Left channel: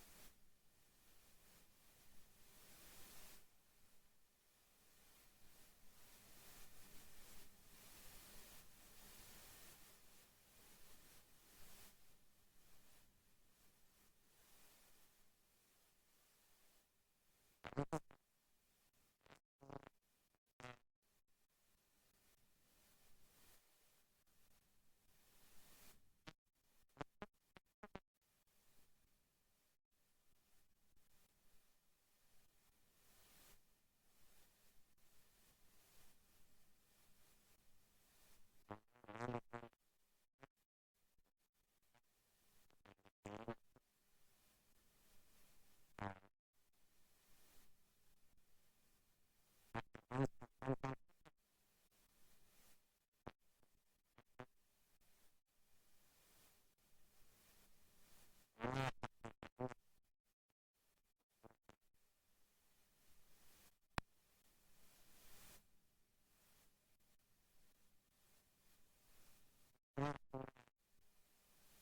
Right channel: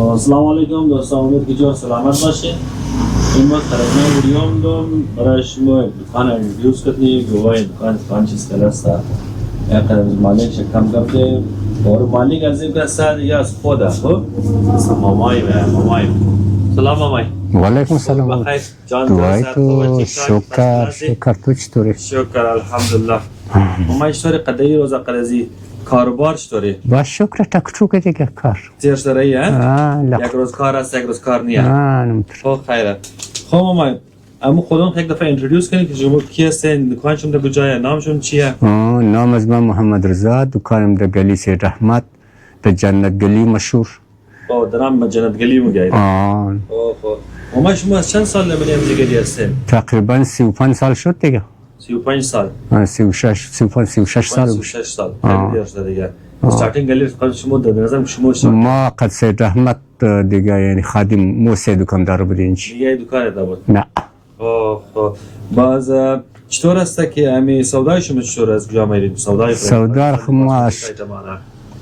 السلام علیکم دوستان، امید که جور سلامت باشین. این ما خرجنا ویدیوم دوم برای شما دکان ریویوز کردیم. گواهی دکان چیز کلاست یک از مالک شکم کرده اور مالک از این کلاست دیگه از خوده. خب مامای سلام مامای. وعلیکم السلام. بخیر جان. دوای تو شکر تو چطوری؟ شکر الحمدلله. مامای چطوری؟ قدایی روزا قدازی کاروبار چطوری؟ با شکر تکچوک دیگه کار. زیرش داری یک روز کار است یک روز کار نیه. خب خیره. خب مامان اما خودم یک دفعه اینترودیوس کنید که شما کی هستین، دکانشون در کجاست، نامشون چیه؟ نام از من محمد رضا، دکانم در گلی سید رحمت در جنت گلی مشهور. در نام جنت گلی میگید. خب مامان شما از چند سال نمیدونم دیگه هستین؟ تقریبا 35 سال شد دیگه. 35 سال. 36 سال. 36 سال. خیلی دیگه دیگه. استارتینگ گلی قد شما در نظر شما ما قد سید رحمت دیگه یعنی خادم موسی دکاندار بودیم. دیگه دکان بود؟ نه. خب باز چطور است که امی سودای شما چطور است کجا میرید؟ سودا ما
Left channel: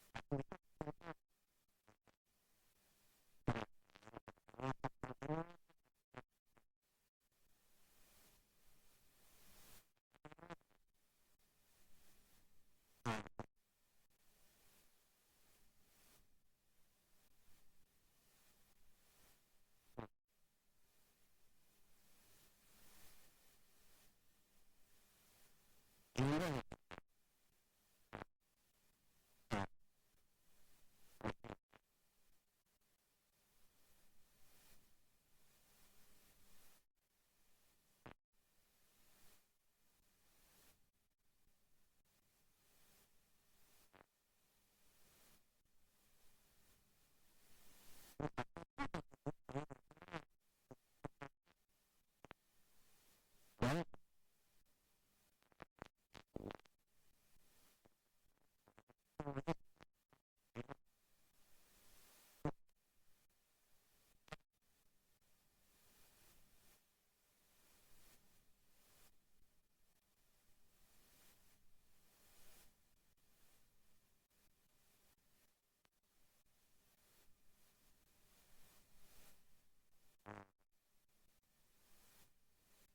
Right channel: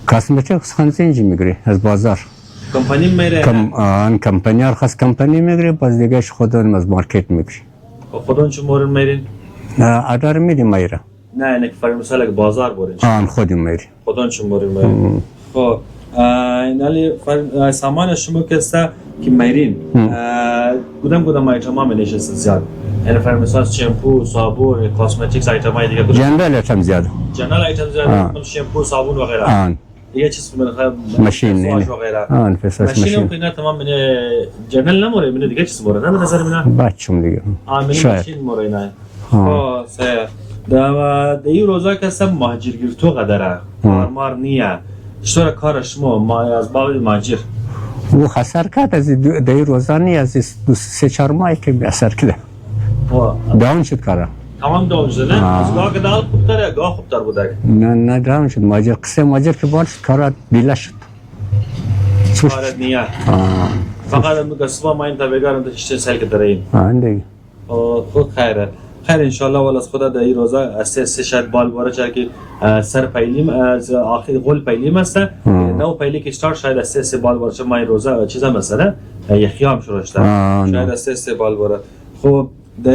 کاسمتیکس خانزنجی میگیری از بازار. کمپانی میره؟ کمپانی خاص کمپانی میگیری، باز دیگه خودمون از مارکت میگیری. خودتون چه مورد میرین؟ آدار میریم میره. نه نه فرض مثلا که بازار برین. خودم میری. خودتون چه مورد میرین؟ خب اینالی سامان شما که است که میرین کدام ایتما میشه زیاد؟ یعنی فرض مثلا شامپو، صابون، کاسمتیکس ایتمای دیگه. جنرال ایتم زیاد. جنرال ایتم زیاد، شامپو، صابون و غیره. دیگه چیز ماشین و غیره. ماشین که تمام من جنرال نموره، من دیگه چیز مورد نه نظر من. بچم دیگه. ماشین مورد نه. خب در این روزا که سب مهاجرگیر تو قدره کارمار نیه چطور کار شما ما از باب مهاجر او خسر کرد از این روزا نی از 2-3-4 ماهی که اثر کرده داون شد کاره تمام داون شد نه؟ از گاه که دال خوبتره یا گاه خوبتر بوده؟ نه داون شد مهاجر قصه مهاجر که بار شد کاره دیله شد کارت نیه فقط مقصبا ما این تابعگارم تا 6 سال که داره این دیگه خود خیره خیر انشالله ولی از خدا در این روزا از سه شاید بال باره چه که سر پیلیم از آخر غول پیلیم است نو پیلی که اشتار شاید از سه بال باره چه ما این روزا چیزا مثلا یخیام شروع شده شاید از سه بال باره. خب در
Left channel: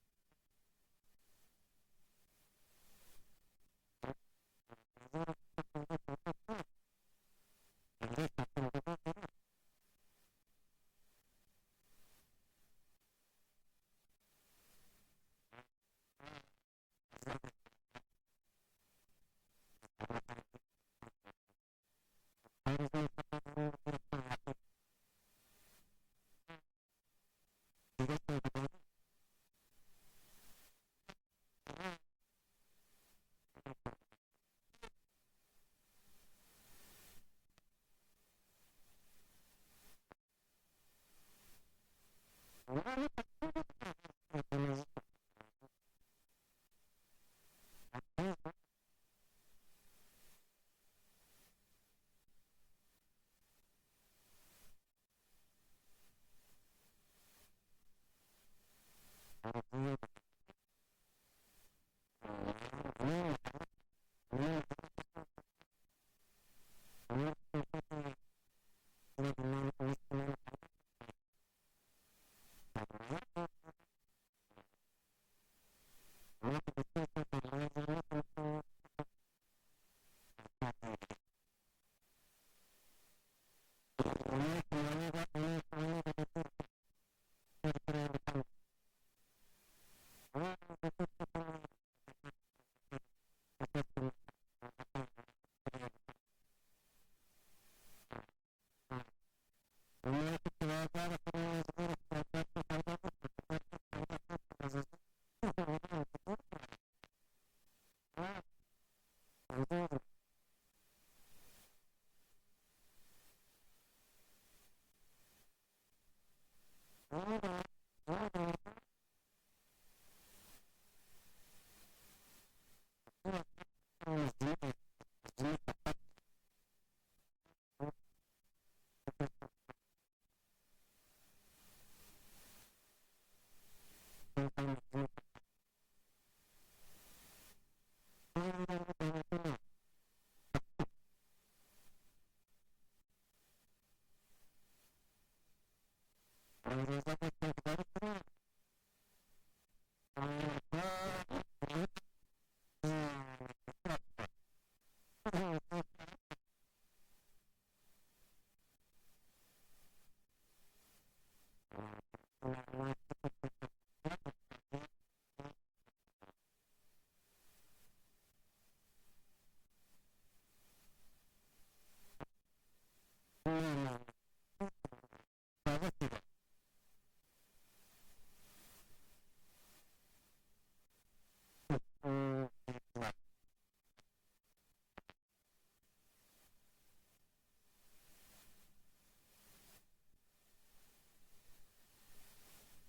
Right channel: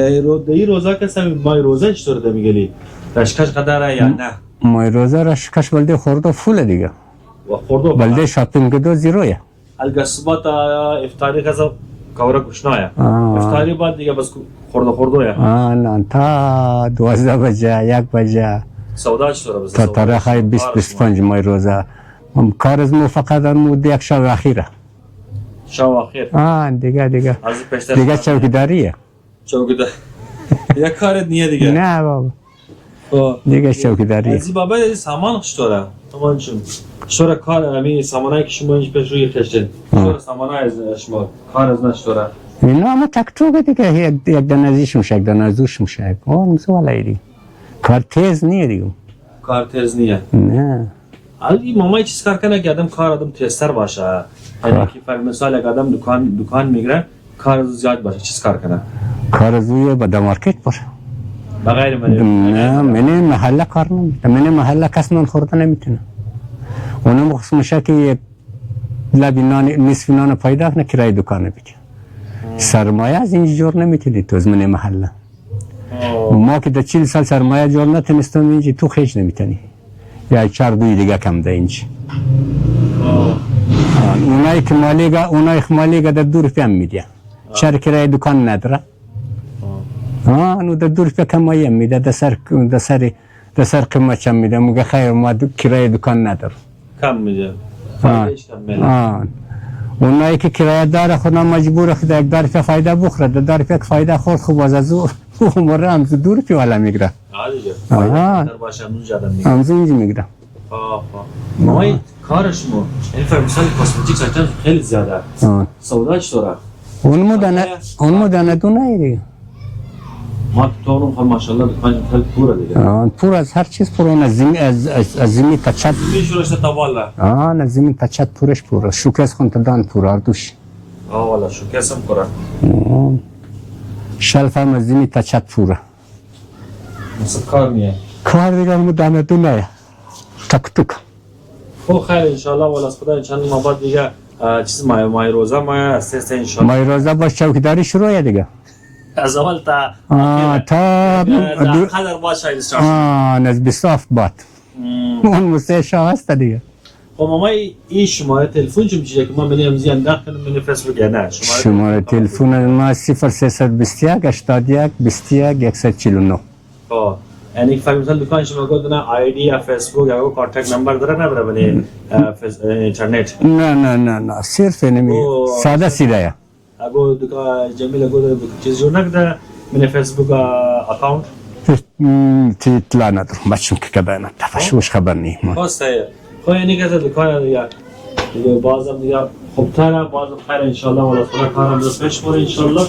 این روزا که سم ما این روزا چطور ده میگلی رشکش قدره یا نه؟ ما این روزا رشکش بلده خورده فول دیگه و خورده بلده شاپینگ دو زیرویه الگسبات افطاری کذا کورا گشنایه افطاری بعد دیگه بس خورده نه تا 12 بجه 1 بجه سودا چطوره بس تا تاریخ 20-25 مای روزه کار از مو فقط مو یک شب اخیره شب اخیر دیگه چوکیداریه یک کارت نیه دیگه نه بابا دیگه چوکیداریه ازی بابا ازی سامان چطوره سامان چطوره کار امی سامانایی که شما اینج پیش روی کشتین چطوره سامانای از شما کار از نشطوره اینا اما تکتوگه دیگه یک دنازیش میشه یک دنازوش میشه مزوالایی دیگه کار تیز نیه دیگه کار تیز نیه نه این مامای چیز کار کنه که کار آدم تیزتر باشه یعنی که فرق مثال یک آدم دکان میگره کار زیاد باشه چیز کار کنه کار زویه با مارکت باشه بغیر نه من محله کار نمیتونه من محله کس نان خورده نمیتونه اونم خصوص میشه که یک لبی نان نصف نان پیدا کنه کرای دکان بگه سرمایه از این جور نمیتونی تو از من محله ما که در 40 سال سرمایه جور نتونستم اینجا تو خیش نمیتونی یا 4 دیگه کم ده اینجا اونایی که مالیگا در 2 روپیه هم میده چرا کرای دکان نداره اونو در 2 روپیه کمایی هم میده در سر قیمت هم میده مگه خیر ما کرای دکان نداره کم میده فایدهش کم میده اونایی که کرایه داره خودم مجبور خود یک دارفه فایده بخوره در دارفه فایده خورد خوب از او عمره هم 2 روپیه والا میگره دیگه فایده در باشه همون اینجا میگره مای کارش مو این فرمسال کاسمتیکس ایتم خیلی زیاده سودا چطوره؟ اون دانه دونه دیگه ما تو اون خود ماشاءالله دکان خیلی پوره دیگه پور از هر چیز پور از زمین تا چت میشورش تا بالا نه زمین تا چت پورش پوره شوکس خون تا دان پور اردوش والا شوکس هم پوره شلف هم از زمین تا چت پوره مثل کار نیه کار دیگه مو دانه دونه تک خب خیر انشالله والا از خدا چند ماه بعد دیگه چیز مای روزه ما اساس ان شاء الله مای روزه باش چوکیداری شروعه دیگه. از اول تا تا قدر باشه شاید استارت از 27 بات اون موسیقی شاه هست دیگه. خب ما این شماره تلفن چه میشه که ما بنیم زیان داخل من فیسبوک یا نه شماره تلفن ما 0321 81 21 149. خب یعنی فکر مثلا دکان شما گفتن آیدی یا فیسبوک یا کانتکت نمبر داره نداره بنی اینترنت؟ نه صرف نمی ساده سیده. اگه دکان جمیل گفت چیز جور نکرده من فیسبوک اکاونت تی اطلاع ندارم بچم که کده نتفشوش خبر نیم. خواسته خب یعنی که دکان دیگه بازم دیگه خوب تره بازم خیر انشالله ولی خدا کارم دست پیش بره انشالله